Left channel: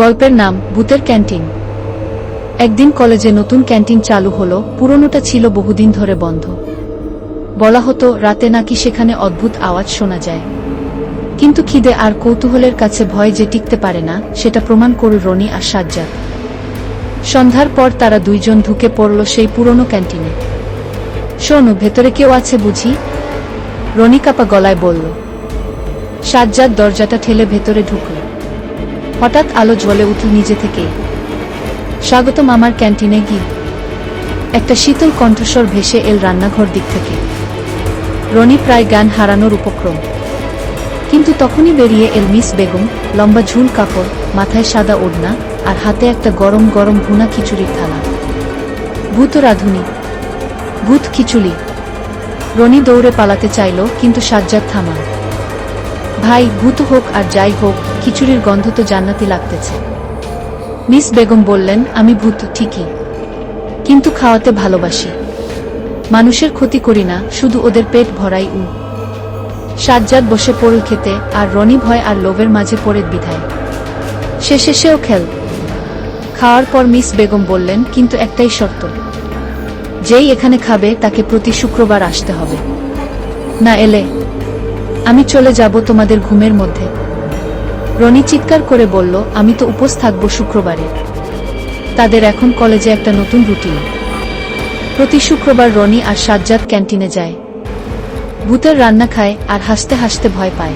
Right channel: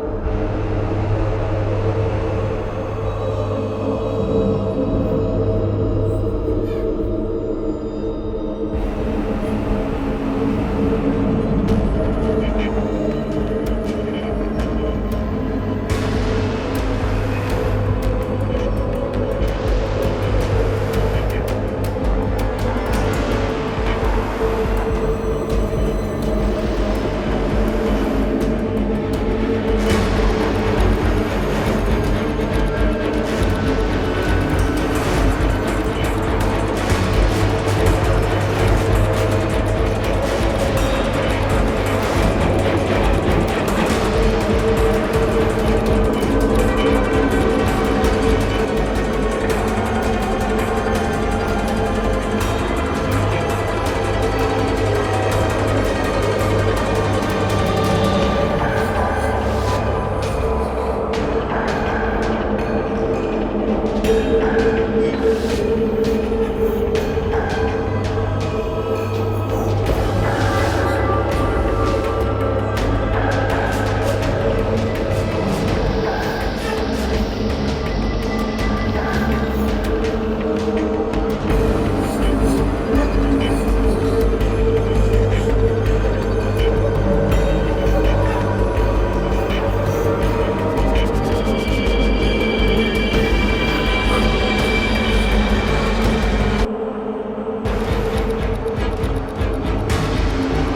গল্পের নাম ভূতের ক্যান্টিন। একদিন কলেজে নতুন ক্যান্টিন চালু হলো, পুরনোটা ছিল বহুদিন ধরে বন্ধ। বলা হতো রাতে নাকি সেখানে অদ্ভুত আওয়াজ শোনা যায়। কিন্তু খিদে আর কৌতূহলের কাছে ভয় যে টিকতে পারে না, সেটা প্রমাণ করল রনি আর সাজ্জাদ। সন্ধ্যার পর তারা দুইজন ঢুকে পড়ল সেই পুরনো ক্যান্টিনে। শোনো, ভেতরে কেউ আছে বুঝি? রনি কাপা গলায় বলল। সাজ্জাদ দরজাটা ঠেলে ভেতরে ঢুকল। হঠাৎ আলো জ্বলে উঠল নিজে থেকেই। স্বাগতম আমার ক্যান্টিনে গিয়ে। একটা শীতল কণ্ঠস্বর ভেসে এল রান্নাঘর দিক থেকে। রনি প্রায় জ্ঞান হারানোর উপক্রম, কিন্তু তখনই বেরিয়ে এল মিস বেগম, লম্বা ঝুল কাপড়, মাথায় সাদা ওড়না, আর হাতে একটা গরম গরম ভুনা খিচুড়ির থালা। ভূত রাঁধুনি, ভূত খিচুড়ি। রনি দৌড়ে পালাতে চাইল, কিন্তু সাজ্জাদ থামল। ভাই, ভূত হোক আর যাই হোক, খিচুড়ির গন্ধ তো জান্নাতি লাগতেছে। মিস বেগম বললেন, আমি ভূত ঠিকই, কিন্তু খাওয়াতে ভালোবাসি। মানুষের ক্ষতি করি না, শুধু ওদের পেট ভরাই। সাজ্জাদ বসে পড়ল খেতে, আর রনি ভয় আর লোভের মাঝে পড়ে বিধায় শেষে সেও খেল। খাওয়ার পর মিস বেগম বললেন, কিন্তু একটাই শর্ত, যেই এখানে খাবে তাকে প্রতি শুক্রবার আসতে হবে। না এলে আমি চলে যাব তোমাদের ঘুমের মধ্যে। রনি চিৎকার করে বলল, আমি তো উপোস থাকবো শুক্রবারে। তাদের এখন কলেজে একটা নতুন রুটিন। প্রতি শুক্রবার রনি আর সাজ্জাদ ক্যান্টিনে যায়, ভূতের রান্না খায় আর হাসতে হাসতে ভয় পায়।